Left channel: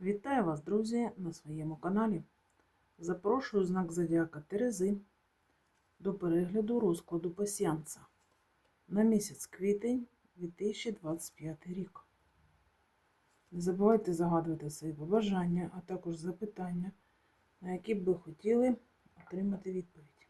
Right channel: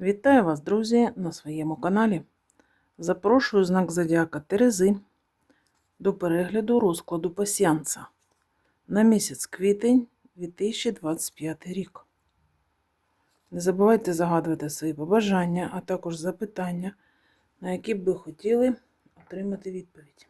Вітаю вас, друзі, на своєму каналі. Запрошую знак Зодіака Терези до перегляду розкладу пасіанса на місяць квітень 2025 рік. Не забувайте загадувати свої побажання, а також запитання, на які б ви хотіли отримати відповідь.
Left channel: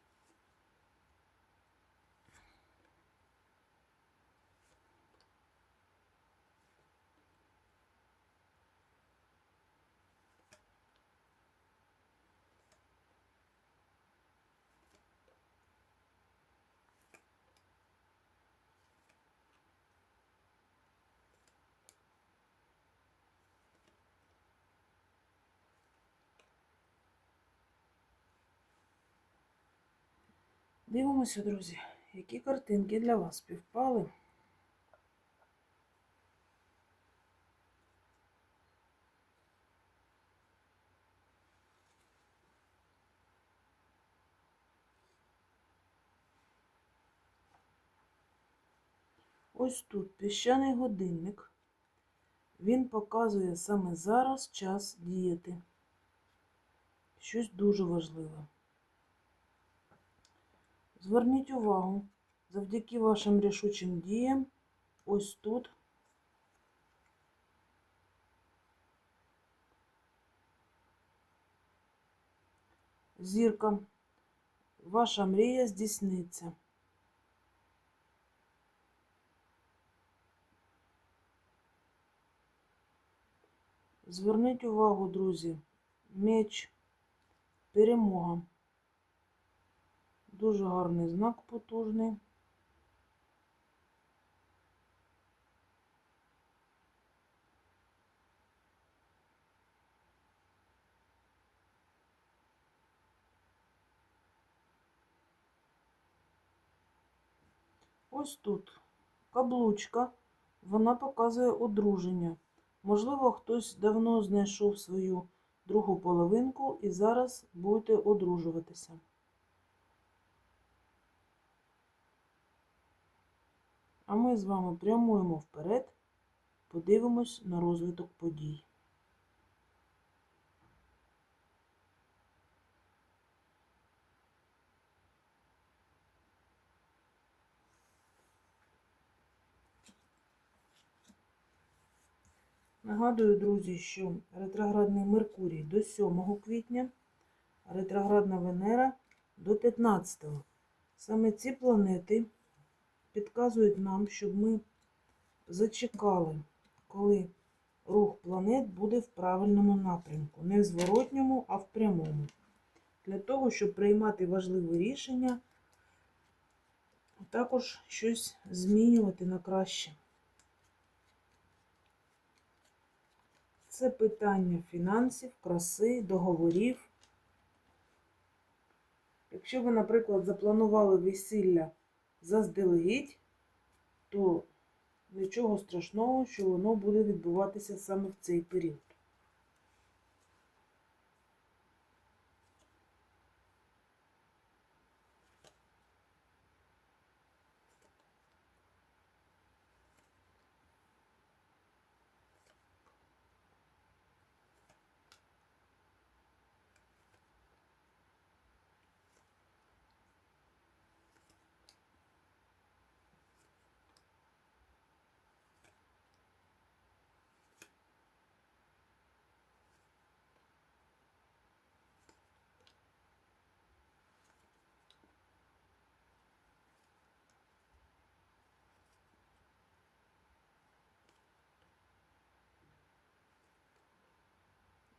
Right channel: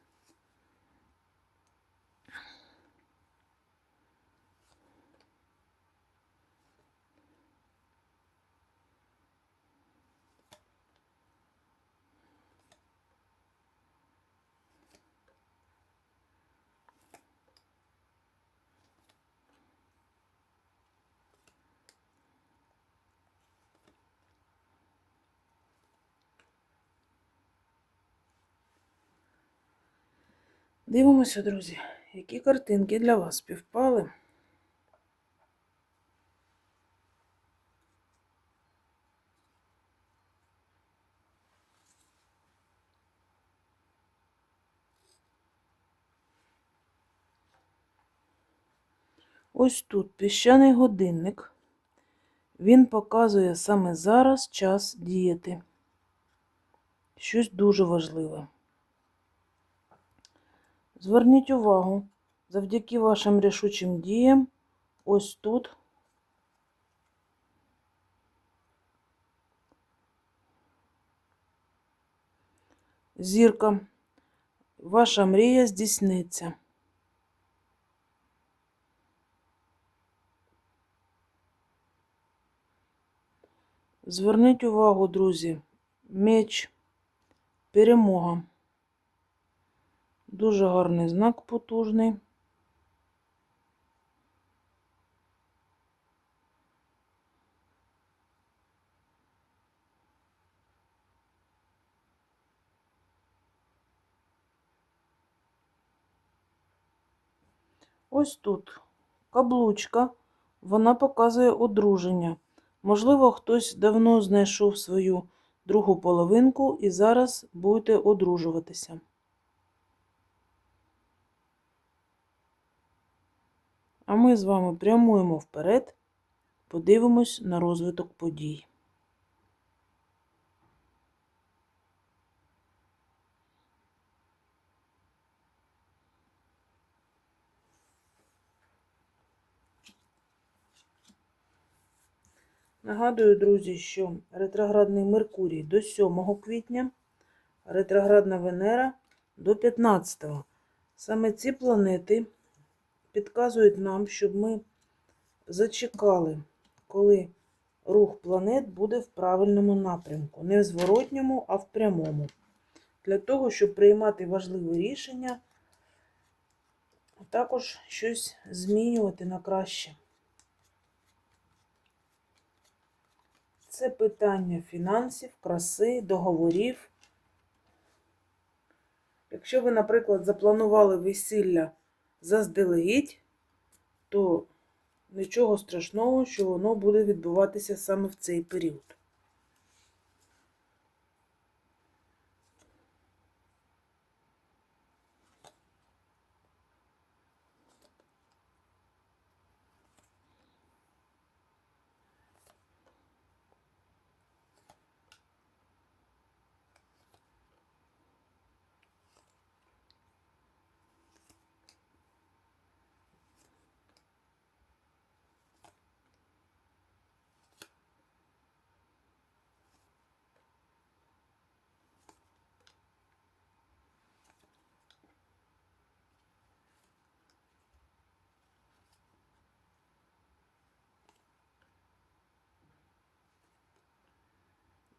Дивимося, друзі, які картинки для вас співпали. Ось тут піщаний годинник. Він показує саме зараз час діяти. Щось дуже важливе. Зверніть увагу, завдяки вашим рішучим діям, ось тут зірка, ваша мрія здійсниться. Зверніть увагу, друзі, меч, перемога. Дуже гарний знак потужний. Ось тут каблучка, вона показує одруження. Можливо, хтось давно знайшов свою другу половинку і зараз будете одружуватися. А ми з вами прямуємо вперед, подивимось на розвиток подій. Нагадую, друзі, що ретроградний Меркурій до 7 квітня, ретроградна Венера до 15. Саме ці планети підказують нам, щоб ми зачекали, коли рух планет буде в правильному напрямку. Не в зворотньому, а в прямому. Для того, щоб приймати важливі рішення, а також щось змінювати на краще. Це питання фінансів, краси, договорів. Якщо ви, наприклад, запланували весілля заздалегідь, то нічого страшного, що воно буде відбуватися саме в цей період.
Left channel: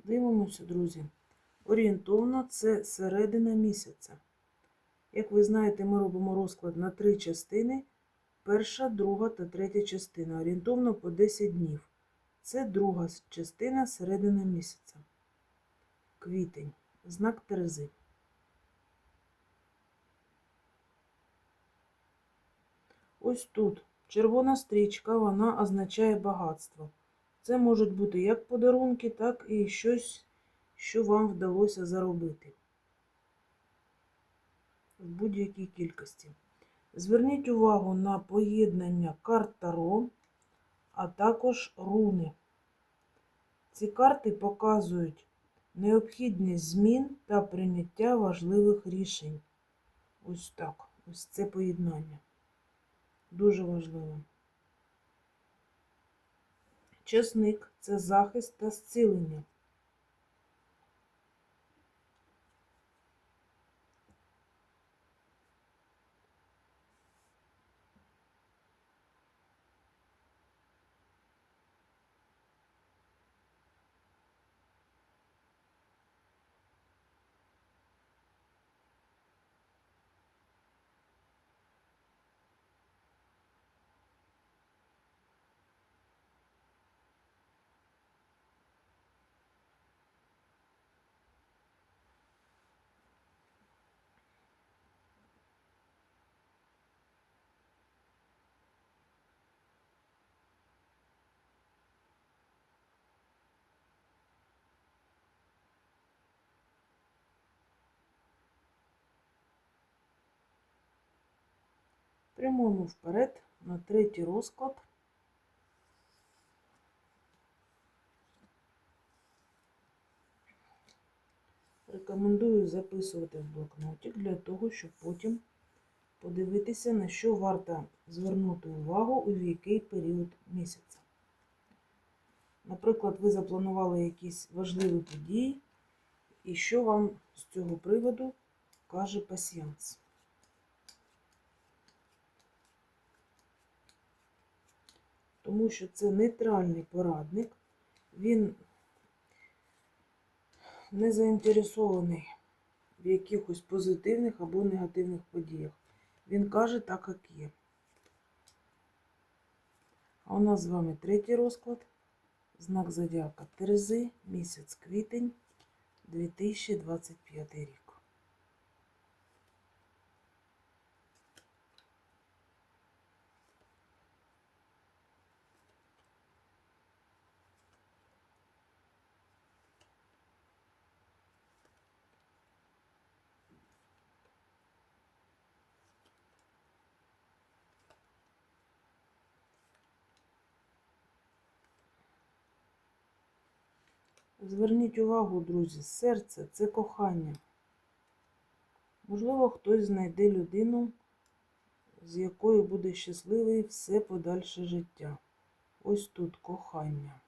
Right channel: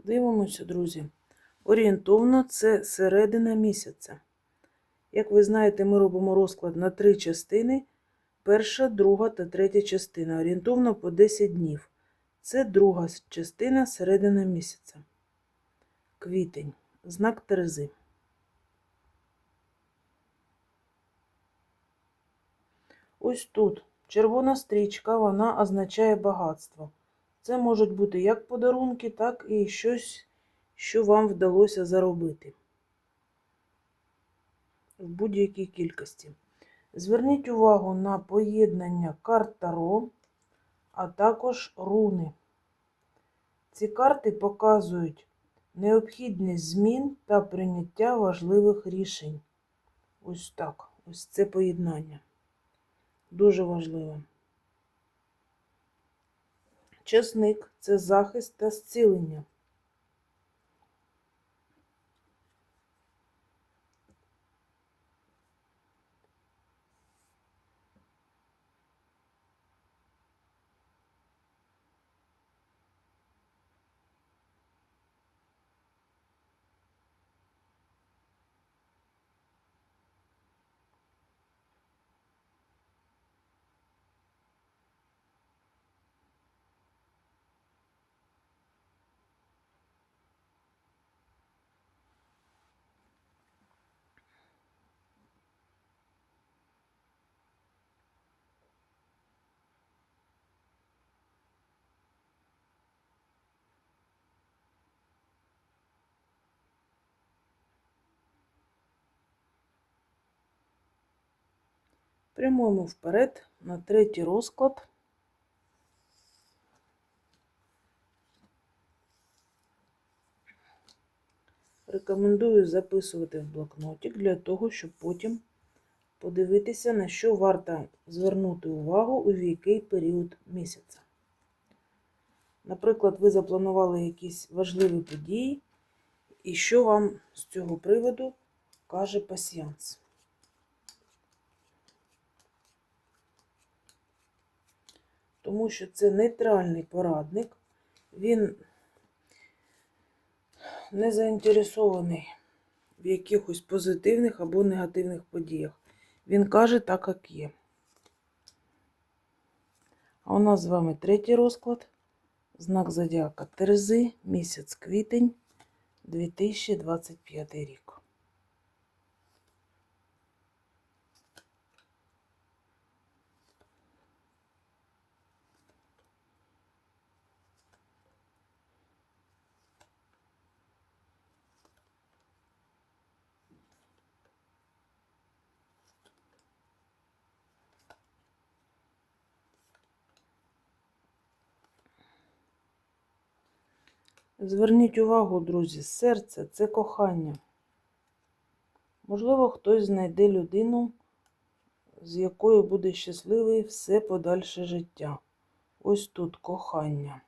Дивимося, друзі. Орієнтовно це середина місяця. Як ви знаєте, ми робимо розклад на три частини. Перша, друга та третя частина. Орієнтовно по 10 днів. Це друга частина середина місяця. Квітень. Знак Терези. Ось тут червона стрічка, вона означає багатство. Це можуть бути як подарунки, так і щось, що вам вдалося заробити в будь-якій кількості. Зверніть увагу на поєднання карт Таро, а також руни. Ці карти показують необхідність змін та прийняття важливих рішень. Ось так. Ось це поєднання. Дуже важливе. Чесник це захист та зцілення. Прямуємо вперед на третій розклад. Рекомендую записувати в блокнотик для того, щоб потім подивитися, на що варто звернути увагу у який період місяця. Наприклад, ви запланували якісь важливі події, і що вам з цього приводу каже пасіянс. Тому що це нейтральний порадник, він не заінтересований в якихось позитивних або негативних подіях. Він каже так, як є. А у нас з вами третій розклад. Знак Зодіака Терези, місяць квітень 2025 рік. Зверніть увагу, друзі, серце це кохання. Можливо, хтось знайде людину, з якою буде щасливий все подальше життя. Ось тут кохання.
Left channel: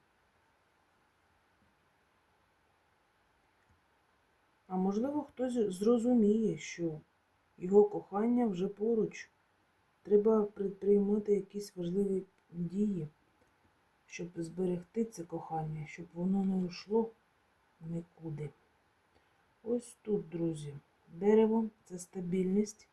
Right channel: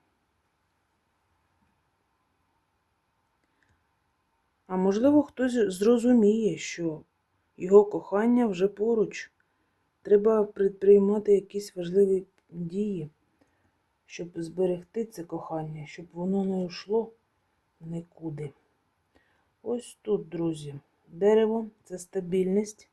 А можливо, хтось зрозуміє, що його кохання вже поруч. Треба предприймати якісь важливі дії щоб зберегти це кохання, щоб воно не йшло нікуди. Ось тут, друзі, дерево це стабільність.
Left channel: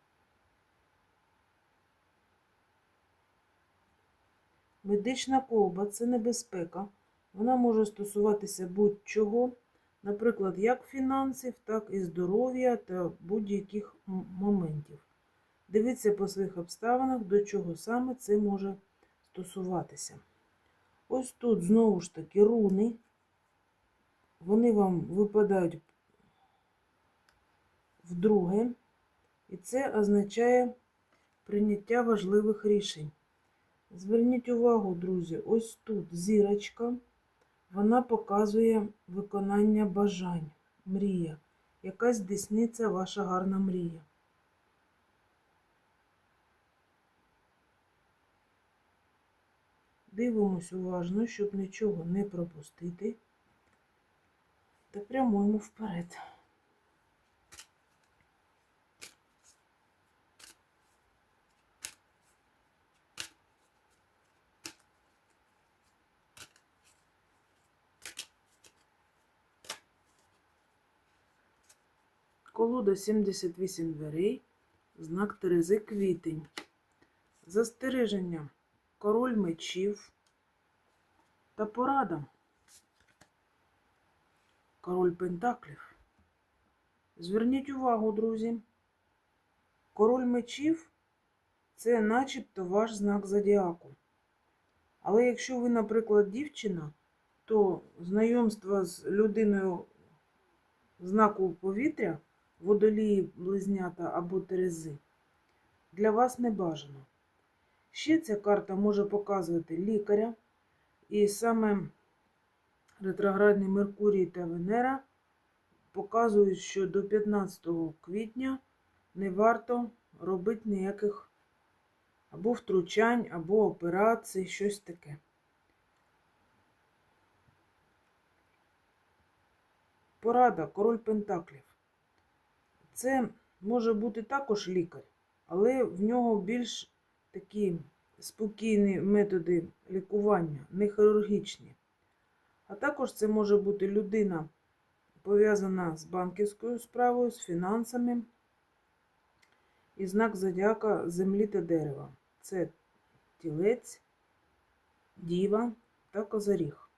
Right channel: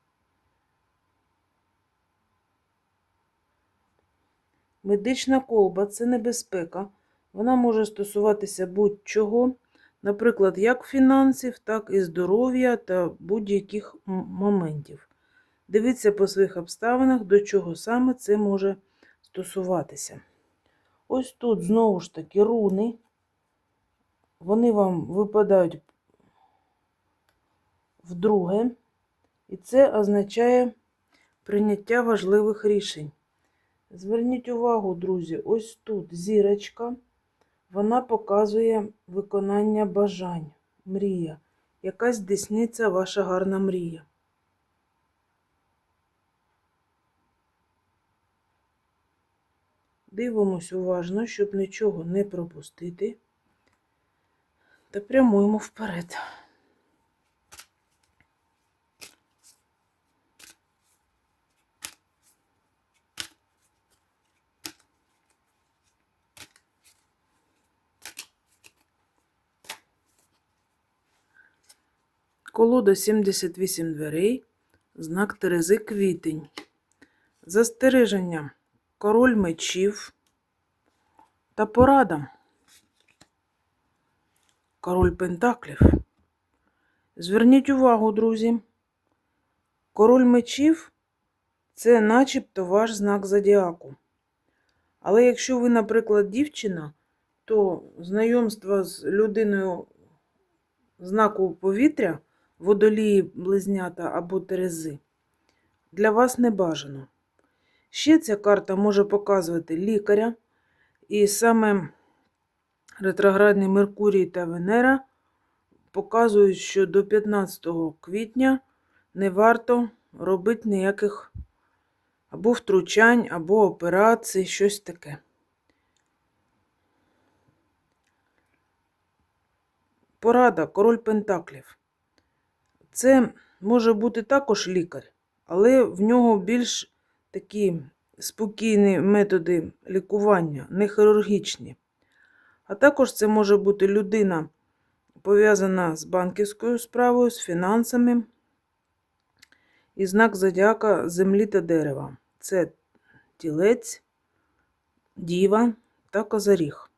Медична колба це небезпека. Вона може стосуватися будь-чого, наприклад, як фінансів, так і здоров'я та будь-яких моментів. Дивіться по своїх обставинах, до чого саме це може стосуватися. Ось тут знову ж таки руни. Вони вам випадають вдруге, і це означає прийняття важливих рішень. Зверніть увагу, друзі, ось тут зірочка, вона показує виконання бажань, мрія. Якась десниця ваша гарна мрія. Дивимось уважно, щоб нічого не пропустити. Та прямуємо вперед. Колода 78 дверей, знак Терези квітень. Застереження король мечів та порада. Король Пентаклів. Зверніть увагу, друзі. Король мечів це начебто ваш знак зодіаку. Але якщо ви, наприклад, дівчина, то знайомство з людиною знаку повітря, водолії, близнята або терези, для вас не бажано. Ще ця карта може показувати лікаря, і саме ретроградний Меркурій та Венера показують, що до 15 квітня не варто робити ніяких або втручань, або операцій, щось таке. Порада, король Пентаклів. Це може бути також лікар, але в нього більш такі спокійні методи лікування, не хірургічні. А також це може бути людина, пов'язана з банківською справою, з фінансами. І знак зодіака землі та дерева. Це тілець, діва та козаріг.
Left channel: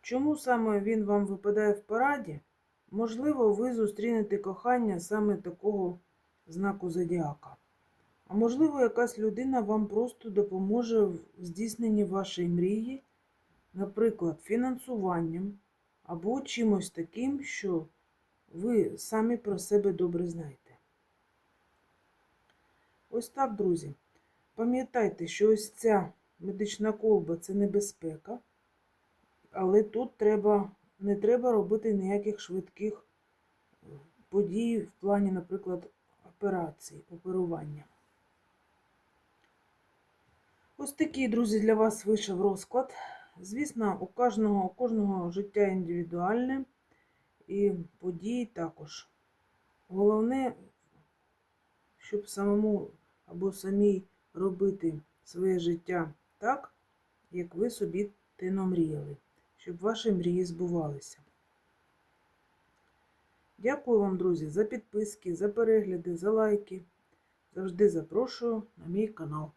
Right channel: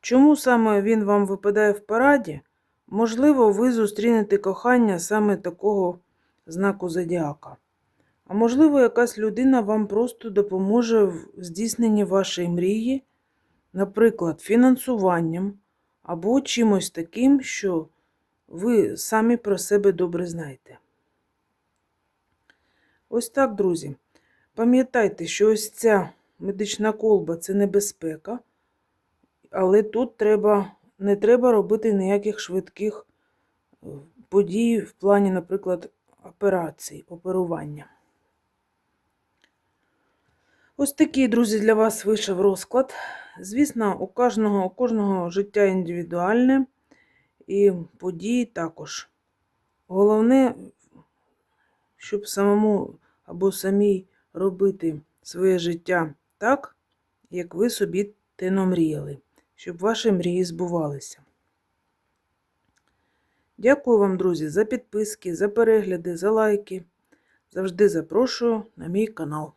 Чому саме він вам випадає в параді? Можливо, ви зустрінете кохання саме такого знаку зодіака. А можливо, якась людина вам просто допоможе в здійсненні вашої мрії, наприклад, фінансуванням або чимось таким, що ви самі про себе добре знаєте. Ось так, друзі. Пам'ятайте, що ось ця медична колба це небезпека, але тут треба, не треба робити ніяких швидких е, подій в плані, наприклад, операцій, оперування. Ось такий, друзі, для вас вийшов розклад. Звісно, у кожного, у кожного життя індивідуальне і події також. Головне, щоб самому або самій робити своє життя так, як ви собі те намріяли, щоб ваші мрії збувалися. Дякую вам, друзі, за підписки, за перегляди, за лайки. Завжди запрошую на мій канал.